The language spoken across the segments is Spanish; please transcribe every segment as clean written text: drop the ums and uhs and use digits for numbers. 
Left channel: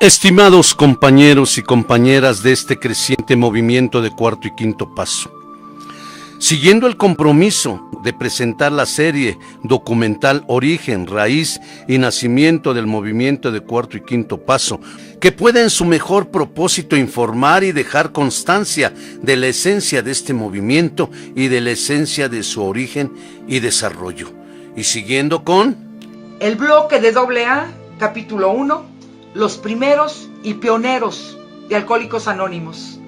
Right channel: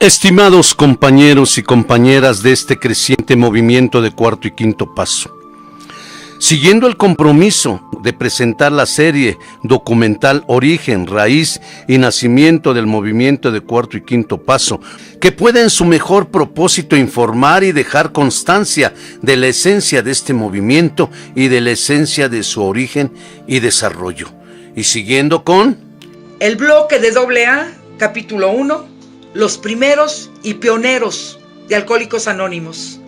Estimados compañeros y compañeras de este creciente movimiento de Cuarto y Quinto Paso, siguiendo el compromiso de presentar la serie documental Origen, Raíz y Nacimiento del movimiento de Cuarto y Quinto Paso, que puede en su mejor propósito informar y dejar constancia de la esencia de este movimiento y de la esencia de su origen y desarrollo. Y siguiendo con el bloque de AA, capítulo 1, los primeros y pioneros de Alcohólicos Anónimos.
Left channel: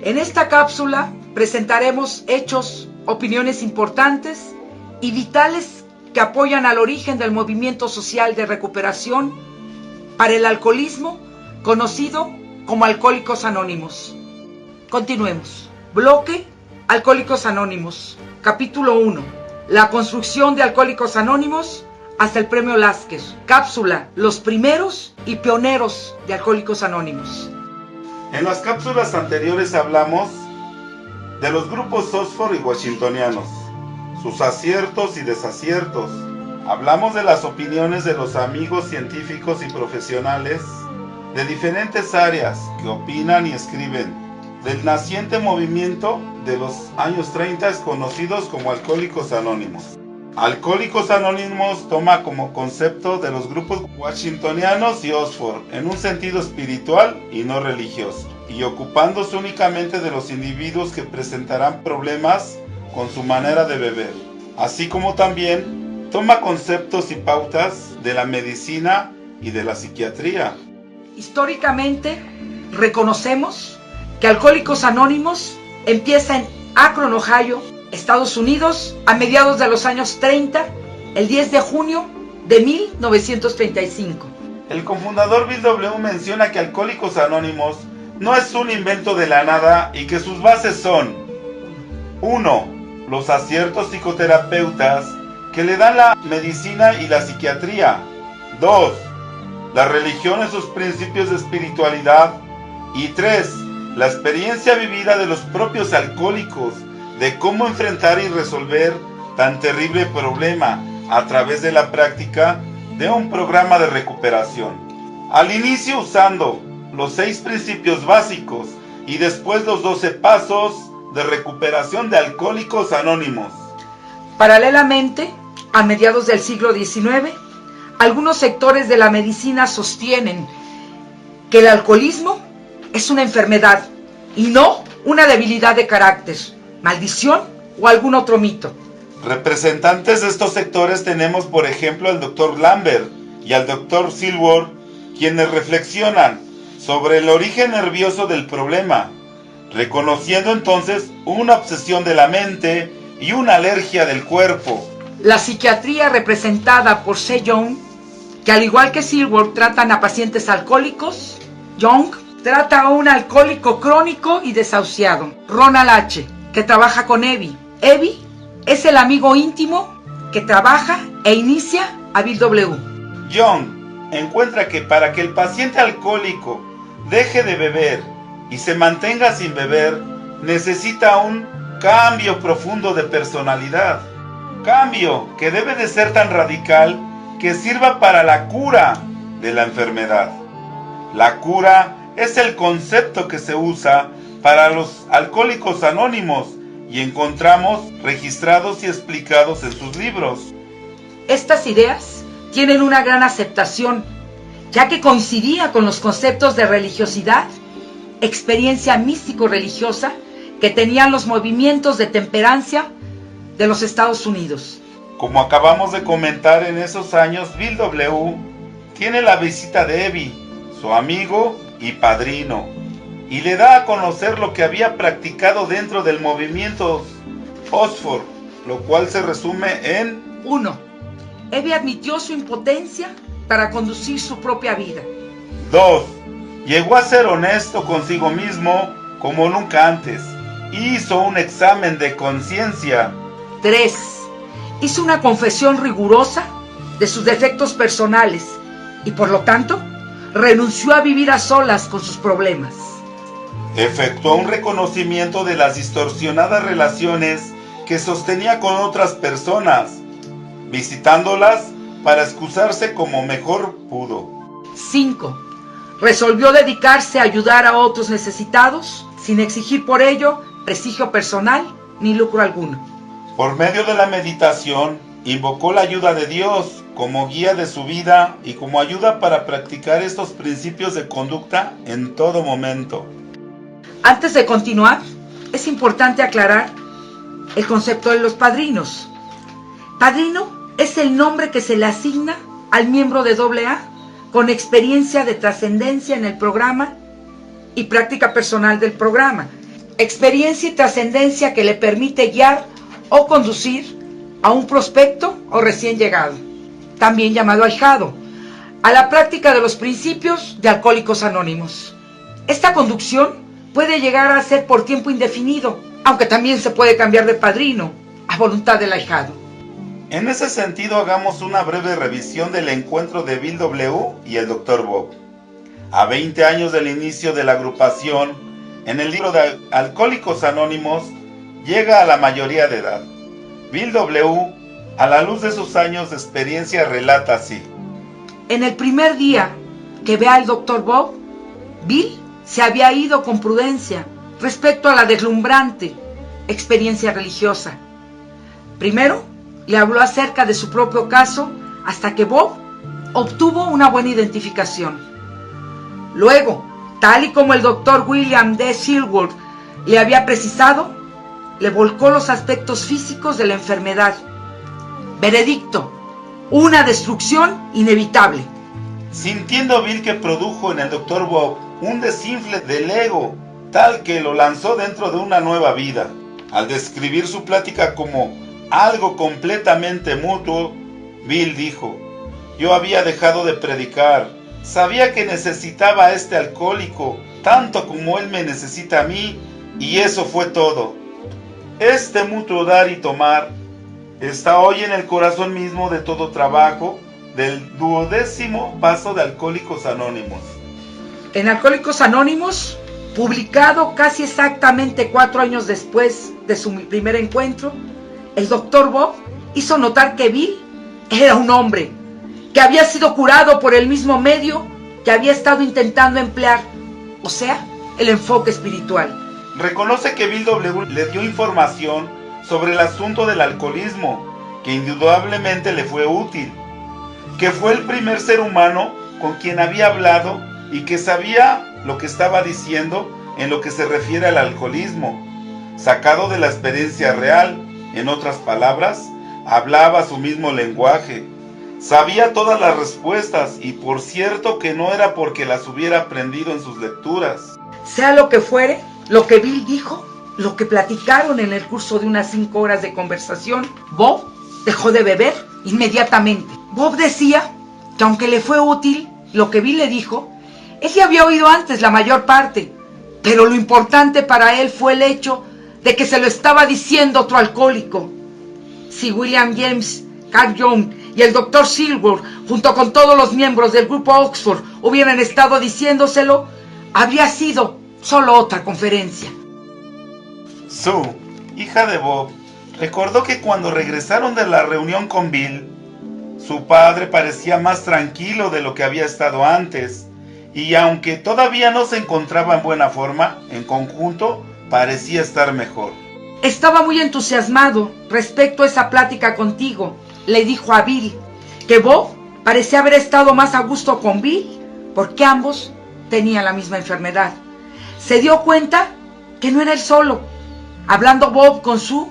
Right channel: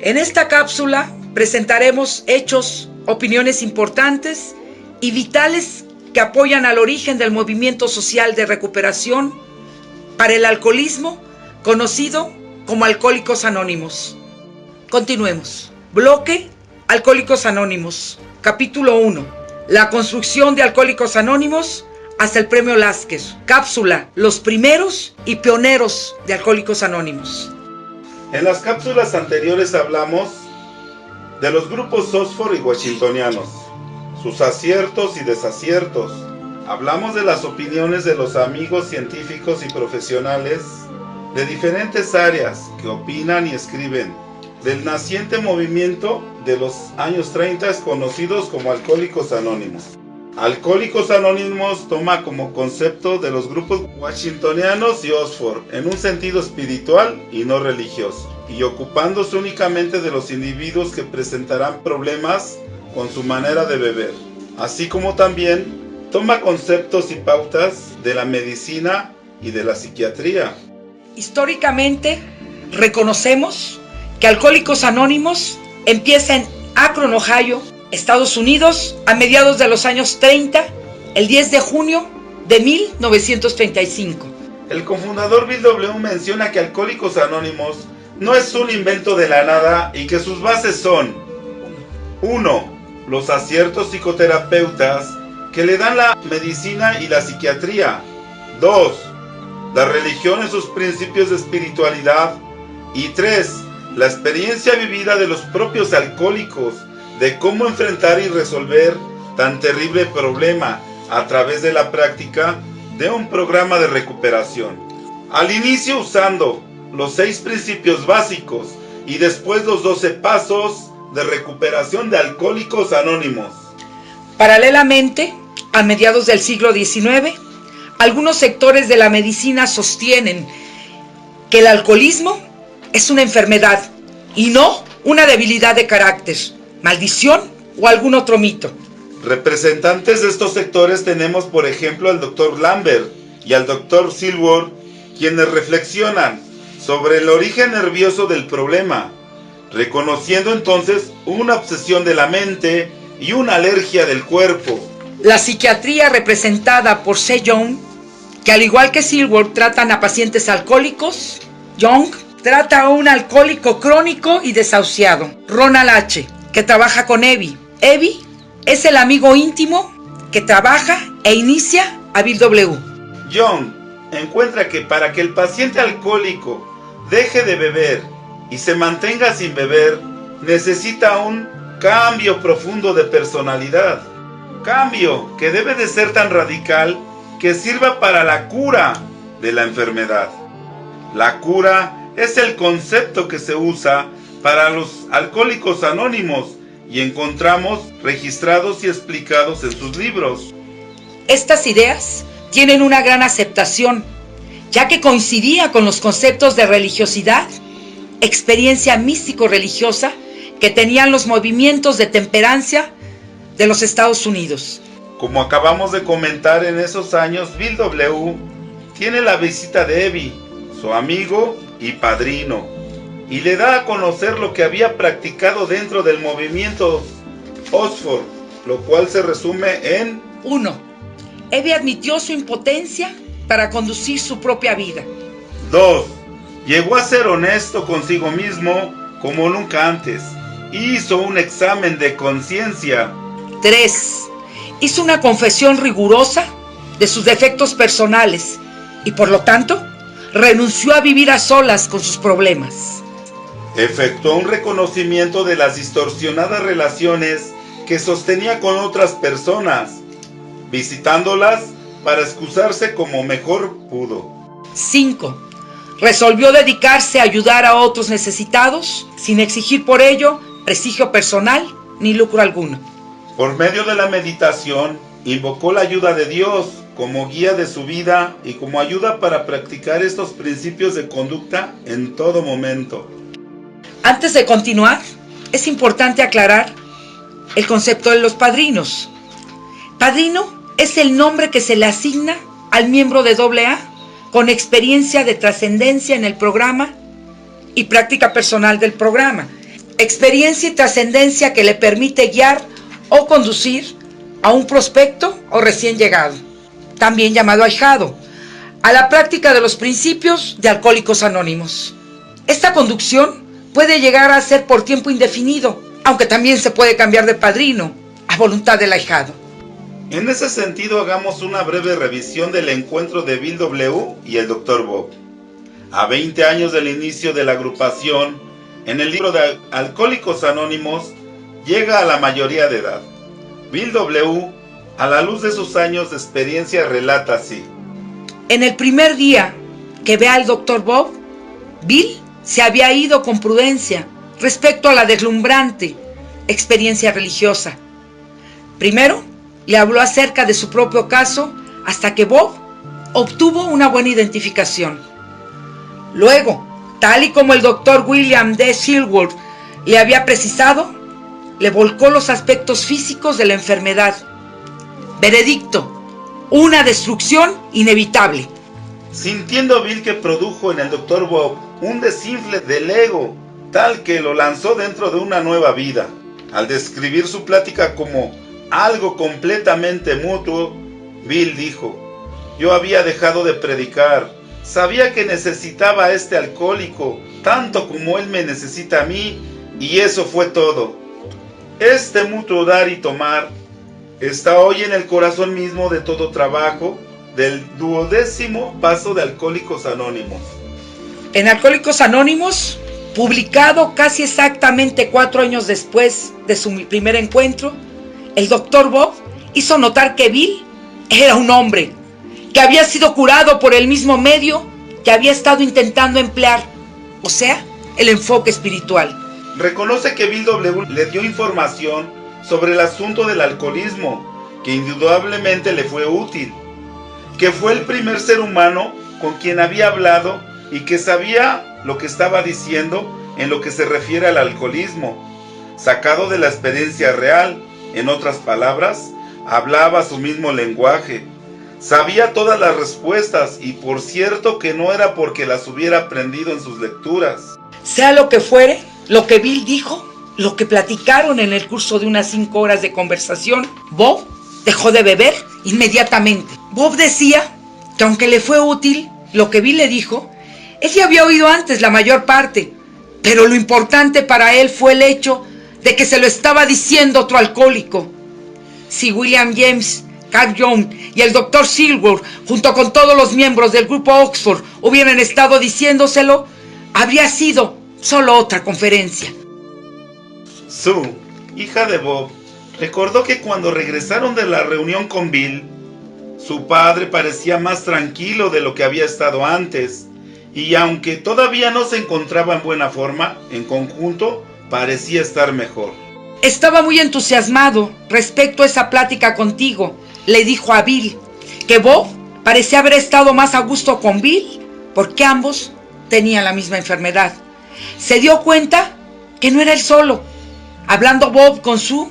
En esta cápsula presentaremos hechos, opiniones importantes y vitales que apoyan al origen del movimiento social de recuperación para el alcoholismo, conocido como Alcohólicos Anónimos. Continuemos. Bloque Alcohólicos Anónimos, capítulo 1. La construcción de Alcohólicos Anónimos hasta el Premio Lázquez. Cápsula, los primeros y pioneros de Alcohólicos Anónimos. En las cápsulas anteriores hablamos de los grupos Oxford y Washingtonianos, sus aciertos y desaciertos. Hablamos de las opiniones de los amigos científicos y profesionales de diferentes áreas que opinan y escriben del naciente movimiento de los años 30 conocidos como Alcohólicos Anónimos. Alcohólicos Anónimos toma como concepto de los grupos washingtonianos y Oxford en un sentido espiritual y no religioso, y ocupándose únicamente de los individuos que presentarán problemas con su manera de beber, así como también toma conceptos y pautas de la medicina y de la psiquiatría. Históricamente, reconocemos que Alcohólicos Anónimos empieza en Akron, Ohio, Estados Unidos, a mediados de los años 30, el 10 de junio de 1935. El cofundador Bill W. menciona que Alcohólicos Anónimos no es un invento de la nada y que sus bases son: 1. Los aciertos psicoterapeutas que le dan la medicina y la psiquiatría. 2. La religión en sus principios de espiritualidad. Y 3. La experiencia vivida de los propios alcohólicos de cómo enfrentar y resolver tan terrible problema a través de la práctica de un programa de recuperación. Al inicio usando los 6 principios básicos y después los 12 pasos de recuperación de Alcohólicos Anónimos. Paralelamente, a mediados del siglo XIX, algunos sectores de la medicina sostienen que el alcoholismo es una enfermedad y no una debilidad de carácter, maldición o algún otro mito. Representantes de estos sectores tenemos, por ejemplo, al Dr. Lambert y al Dr. Silver, quienes reflexionan sobre el origen nervioso del problema, reconociendo entonces una obsesión de la mente y una alergia del cuerpo. La psiquiatría, representada por C. Young, que al igual que Silver tratan a pacientes alcohólicos, Young trata a un alcohólico crónico y desahuciado. Ronald H., que trabaja con Evie. Evie es el amigo íntimo que trabaja e inicia a Bill W. Young encuentra que para que el paciente alcohólico deje de beber y se mantenga sin beber, necesita un cambio profundo de personalidad. Cambio que debe de ser tan radical que sirva para la cura de la enfermedad. La cura es el concepto que se usa para los Alcohólicos Anónimos y encontramos registrados y explicados en sus libros. Estas ideas tienen una gran aceptación, ya que coincidía con los conceptos de religiosidad, experiencia místico-religiosa que tenían los movimientos de temperancia de los Estados Unidos. Como acabamos de comentar, en esos años Bill W. tiene la visita de Evie, su amigo y padrino, y le da a conocer lo que había practicado dentro del movimiento Oxford, lo cual se resume en 1. Evie admitió su impotencia para conducir su propia vida. 2. Llegó a ser honesto consigo mismo como nunca antes. Hizo un examen de conciencia. 3. Hizo una confesión rigurosa de sus defectos personales y por lo tanto renunció a vivir a solas con sus problemas. Efectuó un reconocimiento de las distorsionadas relaciones que sostenía con otras personas, visitándolas para excusarse como mejor pudo. 5. resolvió dedicarse a ayudar a otros necesitados sin exigir por ello prestigio personal ni lucro alguno. Por medio de la meditación, invocó la ayuda de Dios como guía de su vida y como ayuda para practicar estos principios de conducta en todo momento. Antes de continuar, es importante aclarar el concepto de los padrinos. Padrino es el nombre que se le asigna al miembro de AA con experiencia de trascendencia en el programa y práctica personal del programa. Experiencia y trascendencia que le permite guiar o conducir a un prospecto o recién llegado, también llamado ahijado, a la práctica de los principios de Alcohólicos Anónimos. Esta conducción puede llegar a ser por tiempo indefinido, aunque también se puede cambiar de padrino a voluntad del ahijado. En ese sentido, hagamos una breve revisión del encuentro de Bill W. y el Dr. Bob. A 20 años del inicio de la agrupación, en el libro de Alcohólicos Anónimos, llega a la mayoría de edad. Bill W., a la luz de sus años de experiencia, relata así. En el primer día que ve al Dr. Bob, Bill se había ido con prudencia respecto a la deslumbrante experiencia religiosa. Primero, le habló acerca de su propio caso hasta que Bob obtuvo una buena identificación. Luego, tal y como el Dr. William D. Silworth le había precisado, le volcó los aspectos físicos de la enfermedad. Veredicto: una destrucción inevitable. Sintiendo Bill que produjo en el Dr. Bob un desinfle del ego, tal que lo lanzó dentro de una nueva vida. Al describir su plática como algo completamente mutuo, Bill dijo: yo había dejado de predicar, sabía que necesitaba a este alcohólico, tanto como él me necesita a mí, y eso fue todo. Este mutuo dar y tomar está hoy en el corazón mismo de todo trabajo del 12º paso de Alcohólicos Anónimos. En Alcohólicos Anónimos, publicado casi exactamente 4 años después de su primer encuentro, el Dr. Bob hizo notar que Bill era un hombre, que había sido curado por el mismo medio que había estado intentando emplear, o sea, el enfoque espiritual. Reconoce que Bill W. le dio información sobre el asunto del alcoholismo, que indudablemente le fue útil, que fue el primer ser humano con quien había hablado y que sabía lo que estaba diciendo en lo que se refiere al alcoholismo, sacado de la experiencia real. En otras palabras, hablaba su mismo lenguaje, sabía todas las respuestas y por cierto que no era porque las hubiera aprendido en sus lecturas. Sea lo que fuere, lo que Bill dijo, lo que platicaron en el curso de unas 5 horas de conversación, Bob dejó de beber inmediatamente. Bob decía que aunque le fue útil lo que Bill le dijo, él ya había oído antes la mayor parte, pero lo importante para él fue el hecho de que se lo estaba diciendo otro alcohólico. Si William James, Carl Jung y el Dr. Silworth, junto con todos los miembros del grupo Oxford, hubieran estado diciéndoselo, habría sido solo otra conferencia. Sue, hija de Bob, recordó que cuando regresaron de la reunión con Bill, su padre parecía más tranquilo de lo que había estado antes, y aunque todavía no se encontraba en buena forma, en conjunto parecía estar mejor. Estaba muy entusiasmado respecto a esa plática contigo, le dijo a Bill, que Bob parecía haber estado más a gusto con Bill, porque ambos tenían la misma enfermedad. Se dio cuenta que no era él solo. Hablando Bob con Sue,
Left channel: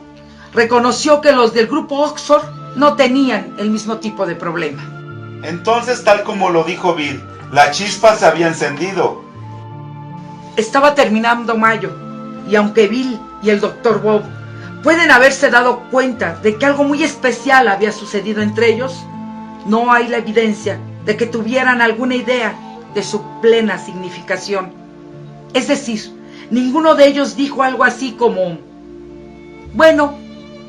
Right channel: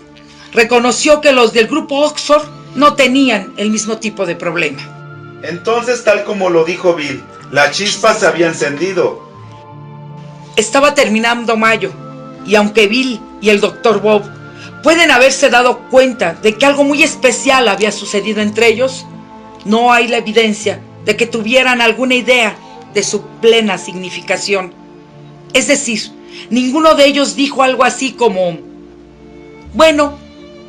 reconoció que los del grupo Oxford no tenían el mismo tipo de problema. Entonces, tal como lo dijo Bill, la chispa se había encendido. Estaba terminando mayo, y aunque Bill y el Dr. Bob pueden haberse dado cuenta de que algo muy especial había sucedido entre ellos, no hay la evidencia de que tuvieran alguna idea de su plena significación. Es decir, ninguno de ellos dijo algo así como: bueno,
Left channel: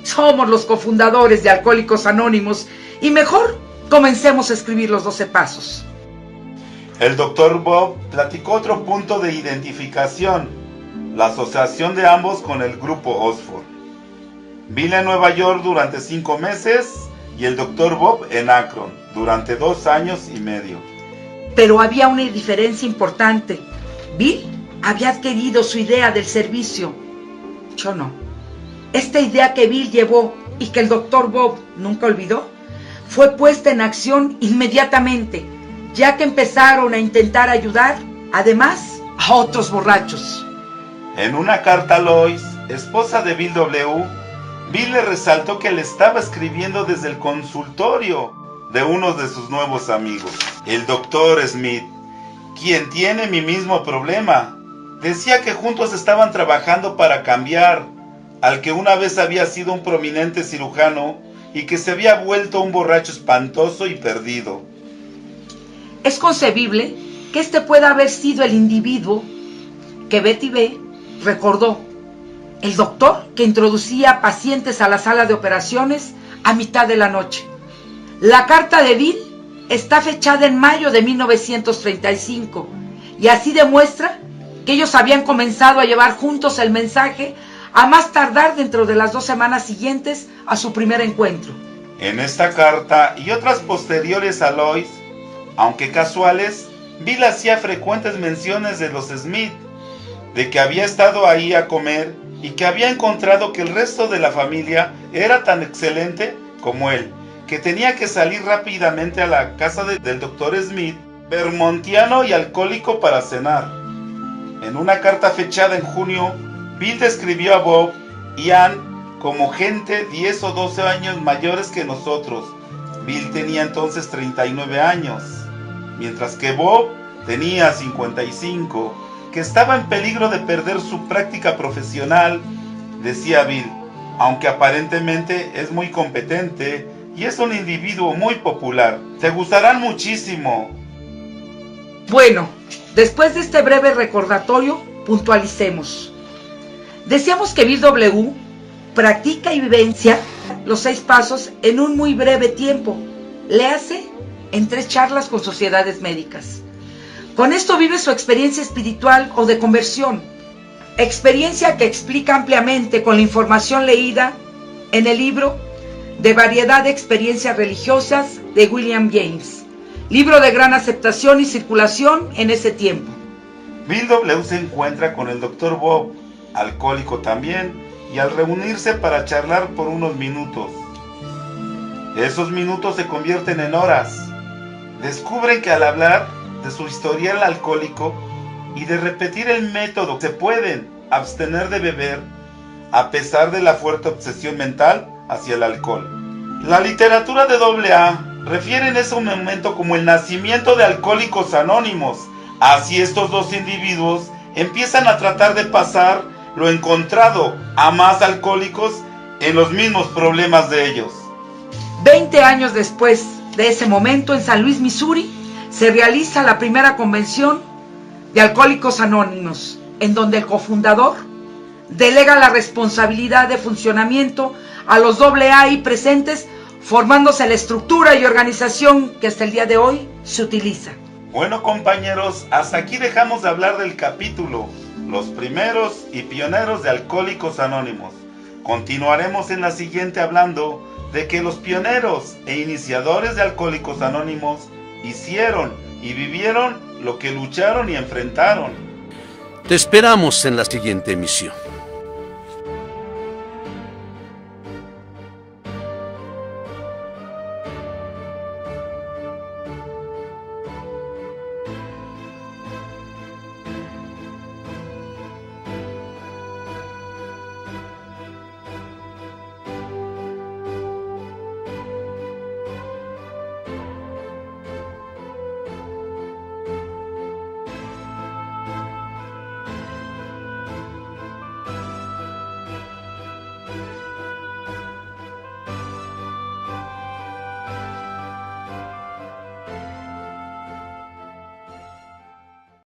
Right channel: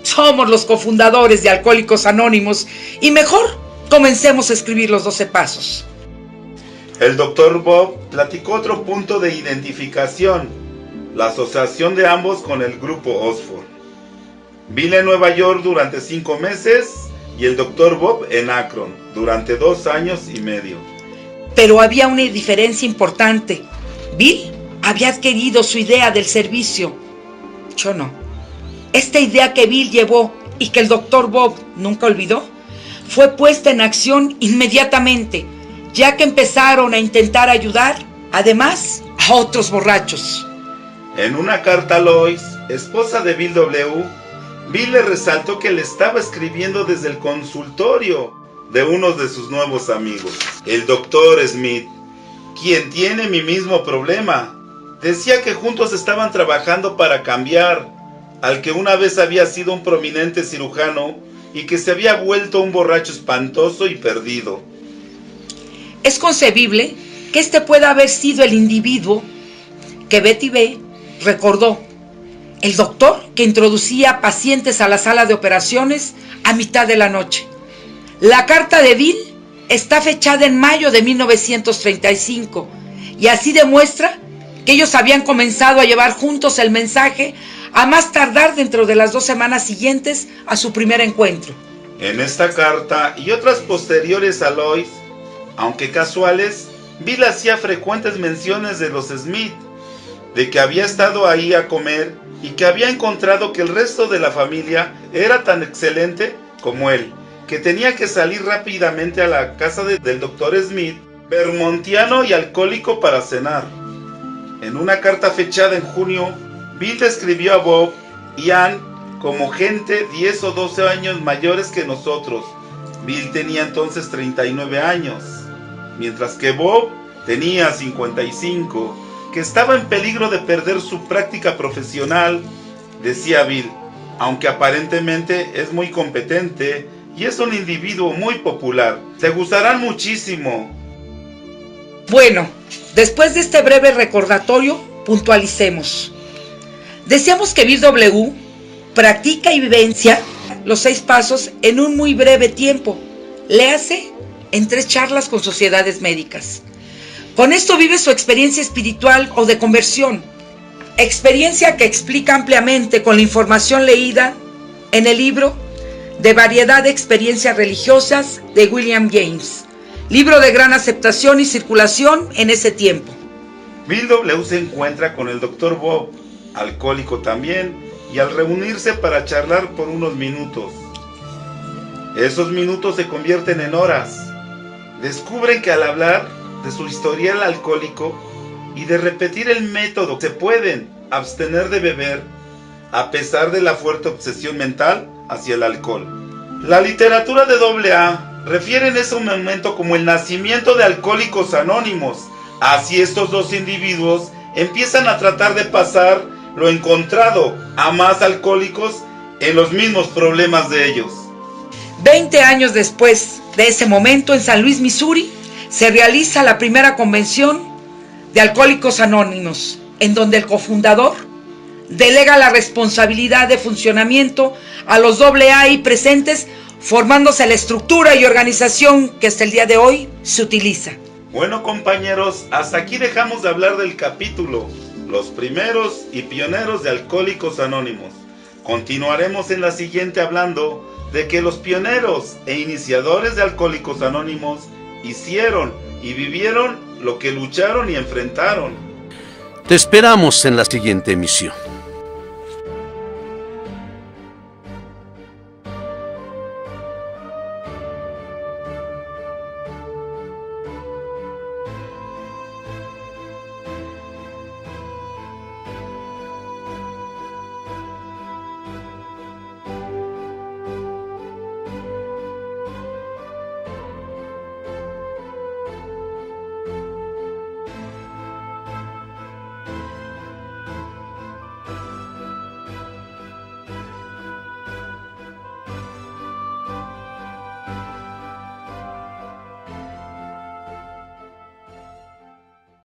somos los cofundadores de Alcohólicos Anónimos y mejor comencemos a escribir los 12 pasos. El Dr. Bob platicó otro punto de identificación, la asociación de ambos con el grupo Oxford. Bill en Nueva York durante 5 meses y el Dr. Bob en Akron durante 2 años y medio. Pero había una diferencia importante. Bill había adquirido su idea del servicio. Yo no. Esta idea que Bill llevó y que el Dr. Bob nunca olvidó, fue puesta en acción inmediatamente, ya que empezaron a intentar ayudar, además, a otros borrachos. En una carta a Lois, esposa de Bill W., Bill le resaltó que le estaba escribiendo desde el consultorio de uno de sus nuevos amigos, el Dr. Smith, quien tiene mi mismo problema. Decía que juntos estaban trabajando para cambiar al que una vez había sido un prominente cirujano y que se había vuelto un borracho espantoso y perdido. Es concebible que este pueda haber sido el individuo que Betty B. recordó, el doctor que introducía pacientes a la sala de operaciones a mitad de la noche. La carta de Bill está fechada en mayo de 1935 y así demuestra que ellos habían comenzado a llevar juntos el mensaje a más tardar dentro de las 2 semanas siguientes a su primer encuentro. En esta carta y otras posteriores a Lois, aunque casuales, Bill hacía frecuentes menciones de los Smith, de que había estado ahí a comer y que había encontrado que el resto de la familia era tan excelente como él, que tenía que salir rápidamente a la casa del Dr. Smith, vermontiano y alcohólico, para cenar. En una carta fechada en junio, Bill describió a Bob y Ann como gente 10 o 12 años mayores que nosotros. Bill tenía entonces 39 años, mientras que Bob tenía 55, que estaba en peligro de perder su práctica profesional, decía Bill, aunque aparentemente es muy competente y es un individuo muy popular. Te gustarán muchísimo. Bueno, después de este breve recordatorio, puntualicemos. Deseamos que Bill W. practica y vivencia los 6 pasos en un muy breve tiempo. Léase en 3 charlas con sociedades médicas. Con esto vive su experiencia espiritual o de conversión. Experiencia que explica ampliamente con la información leída en el libro de variedad de experiencias religiosas de William James. Libro de gran aceptación y circulación en ese tiempo. Bill W. se encuentra con el Dr. Bob, alcohólico también, y al reunirse para charlar por unos minutos. Esos minutos se convierten en horas. Descubren que al hablar de su historial alcohólico y de repetir el método, se pueden abstener de beber a pesar de la fuerte obsesión mental hacia el alcohol. La literatura de AA refiere en ese momento como el nacimiento de Alcohólicos Anónimos. Así estos dos individuos empiezan a tratar de pasar lo encontrado a más alcohólicos en los mismos problemas de ellos. 20 años después de ese momento, en San Luis, Missouri, se realiza la primera convención de Alcohólicos Anónimos, en donde el cofundador delega la responsabilidad de funcionamiento a los AA ahí presentes, formándose la estructura y organización que hasta el día de hoy se utiliza. Bueno, compañeros, hasta aquí dejamos de hablar del capítulo Los primeros y pioneros de Alcohólicos Anónimos. Continuaremos en la siguiente hablando de que los pioneros e iniciadores de Alcohólicos Anónimos hicieron y vivieron lo que lucharon y enfrentaron. Te esperamos en la siguiente emisión.